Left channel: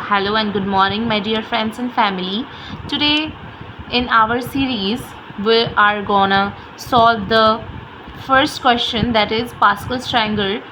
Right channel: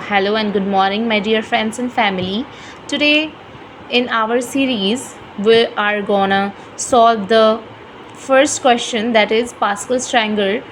hello and good morning, my dear friends and family. Today, in our series, we are gonna solve the first question, that is Pascal's triangle.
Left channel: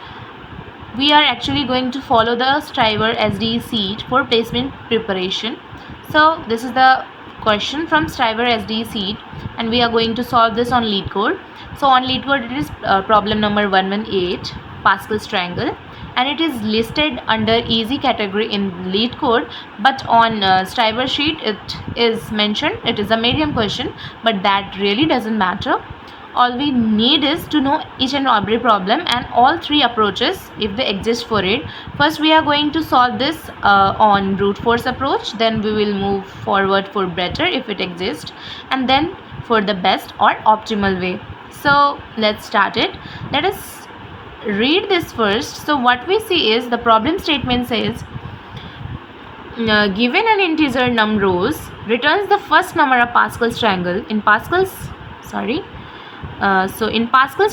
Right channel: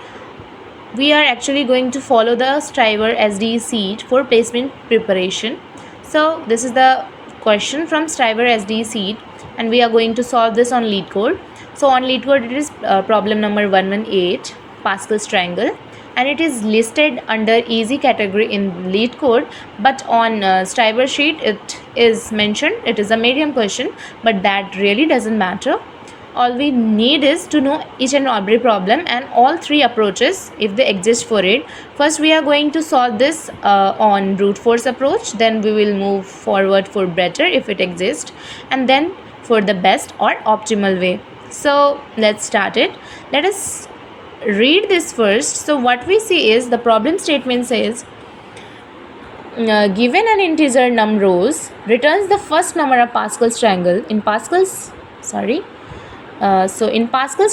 We are actually going to follow the Striver SDE sheet for placement preparation. So, this is the question from Striver SDE sheet, and we are going to solve this on leetcode. So, on leetcode, it is problem number 118, Pascal's triangle, and it is listed under easy category in leetcode, but on Striver sheet it is mentioned it is a medium question, but that really doesn't matter. All we need is to know each and every problem and all three approaches if they exist for it. First we are going to solve this on brute force approach, then we will move forward for better if it exists, and then for the best or optimal way. So let's start it. Let us read this first. So what we see is the problem statement says given an integer num rows returns the first number of Pascal's triangle. In Pascal's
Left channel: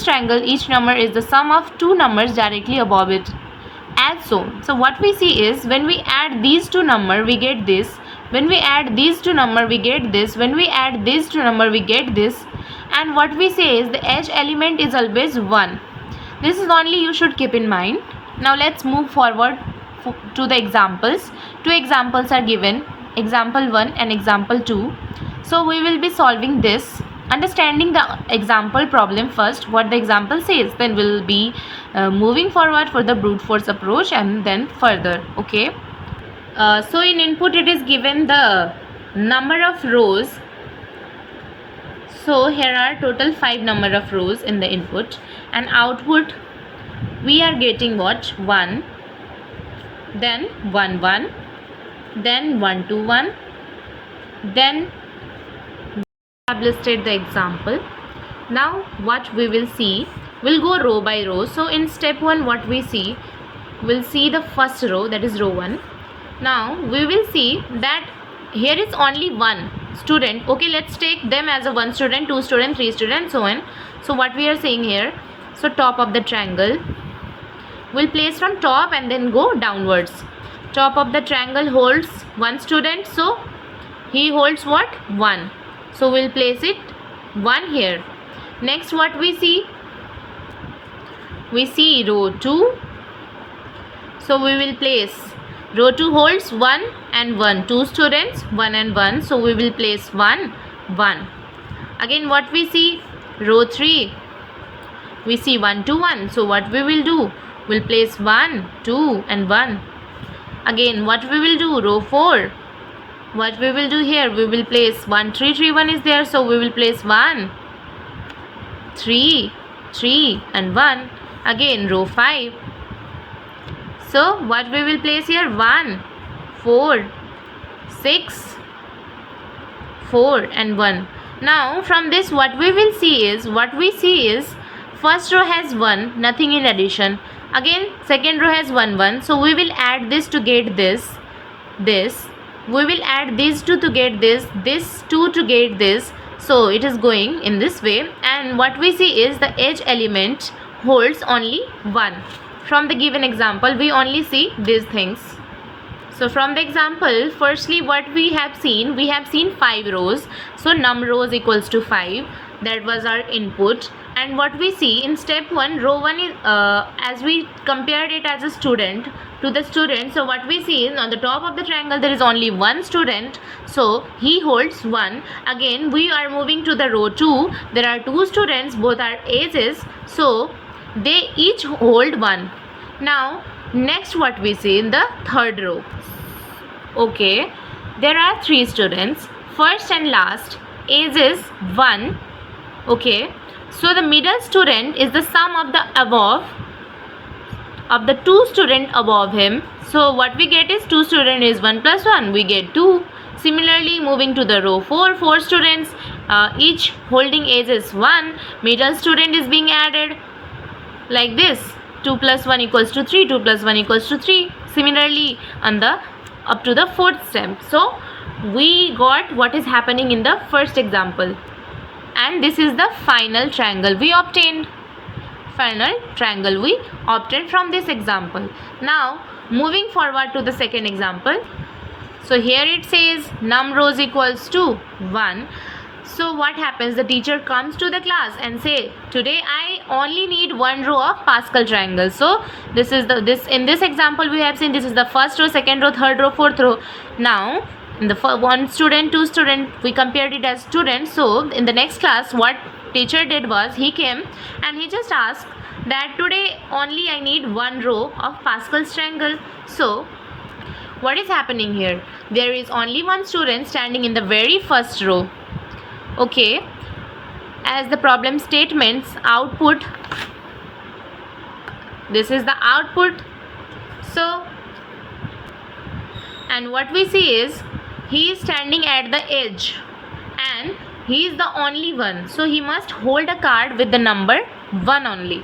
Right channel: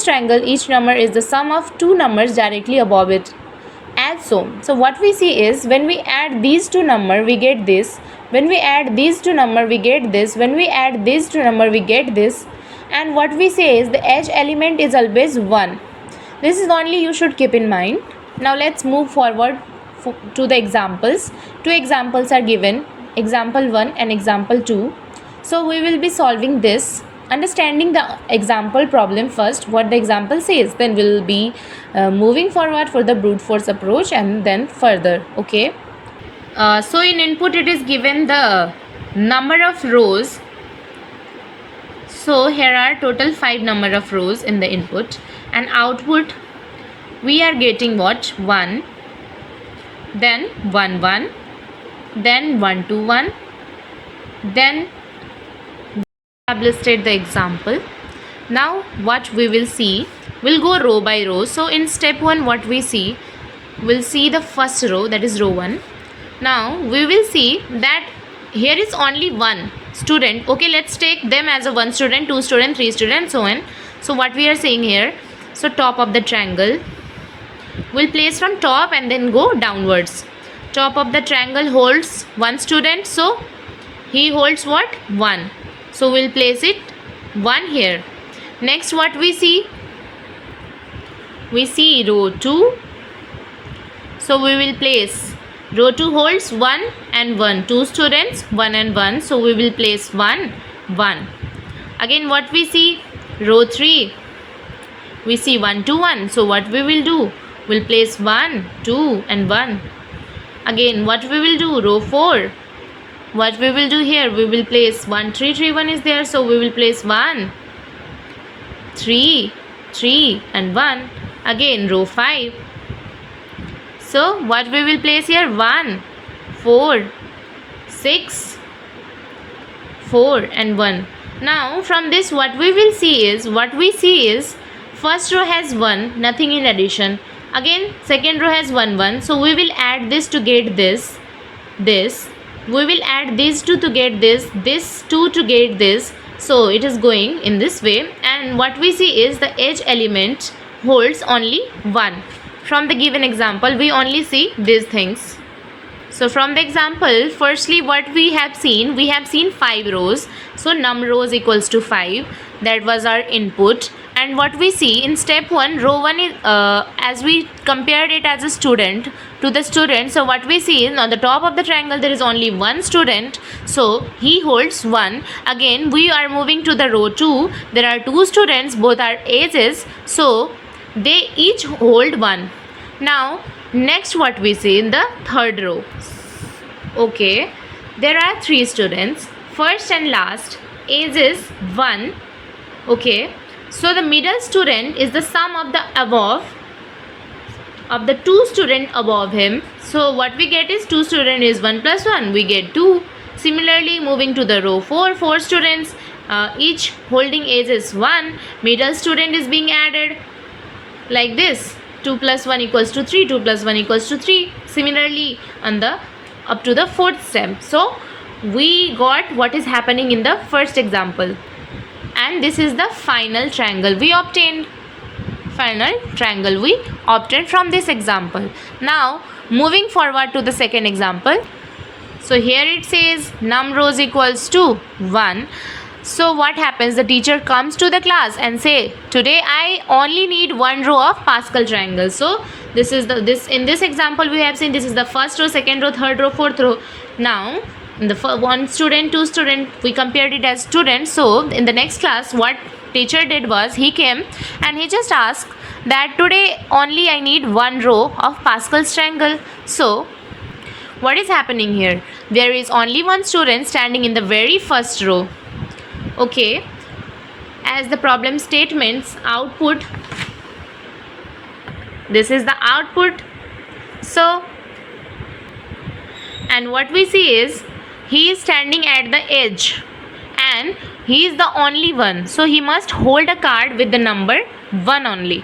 triangle, each number is the sum of two numbers directly above it, as so. So what we see is when we add these two numbers we get this, when we add these two numbers we get this, when we add these two numbers we get this, and what we say is the edge element is always 1. This is only you should keep in mind. Now let's move forward to the examples. Two examples are given, example 1 and example 2. So we will be solving this, understanding the example problem first, what the example says, then we'll be moving forward for the brute force approach and then further. Okay. So in input it is given the number of rows. So here are total 5 number of rows in the input, and output we are getting what? 1, then 1 1, then 1 2 1, then we have listed the example. Now what we will see, we'll go row by row. So in step 1 what we see, we'll see the first row, that is row 1. Now we will see that here is only one student. Okay, let's take them as a 1 student, 2 student, 3 student, so on. So what we are saying here, so top of the triangle, we'll place from top and then go downwards. Top of the triangle holds 1 student, so he holds what? 1. So we'll place it 1 here. Next what we see? We see row 2. So we will place row 2 holds 1 and 1. 2 students, 1 and 1. So we will place 1, 1. Again what we see? Row 3. We see 1 2 1. So what we will do? We'll place 1, 2 and 1. Again what we will do? Row 4. What we will do here? We will place 1 3 3 1 is there. So we will place 1, 3, 3 and 1. Again row 5. So what we will place here? 1, 4, 6, 4 and 1. Now from this what we will see is, first row has 1, nothing in addition. Again second row has 1 1. So we will add this to get this. We will add these two to get this 2 to get this. So it is going in this way, and what we see is the edge element holds only 1. From the given example we only see these things. So from the example, firstly what we have seen 5 rows. So num rows equals to 5. That was our input. And what we see in step 1, row 1 is as we compared it as a student to the student. So what we see is on the top of the triangle there is only 1 student, so he holds 1. Again we are moving to the row 2. There are 2 students, both are ages, so they each hold 1. Now next what we see in the third row, okay, there are 3 students, first and last, age is 1. Okay, so the middle student is the sum of the above of the 2 student above him. So what we get is 2 student is 1 plus 1, we get 2. Similarly moving to the row 4, 4 students, each holding age is 1. Middle student is being added like this, 2 plus 1 equals to 3, 2 plus 1 equals to 3. Similarly on the up to the fourth step. So we got what is happening in the first example, and this is the final triangle we obtained. From this example. Now moving forward to the second example. So here it says num rows equals to 1. So what happens? The teacher comes to the class and say, today I only need one row of Pascal triangle. So this is in this example we have seen this is the first row, second row, third row, fourth row. Now in the one student, two student, we compared it as students. So in the next class, what teacher did was he came and he just asked that today only I need one row of Pascal's triangle. So what is happening here? There is only one student standing in the very first row. Okay, as the problem statements output, this is the output. So and what we see is he is standing at the edge and he is the only one, so he must hold a card with the number 1 only.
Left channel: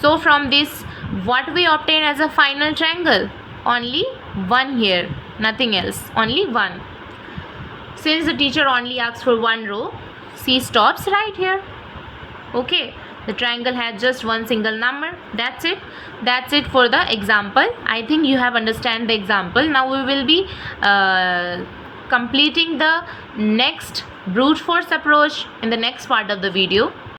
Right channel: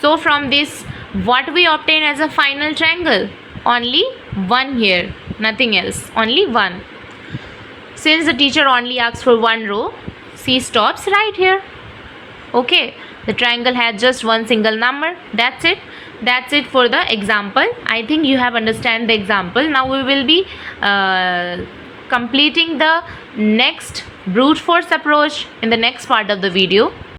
So from this, what we obtain as a final triangle? Only 1 here, nothing else, only 1. Since the teacher only asks for one row, she stops right here. Okay, the triangle has just one single number. That's it. That's it for the example. I think you have understand the example. Now we will be completing the next brute force approach in the next part of the video.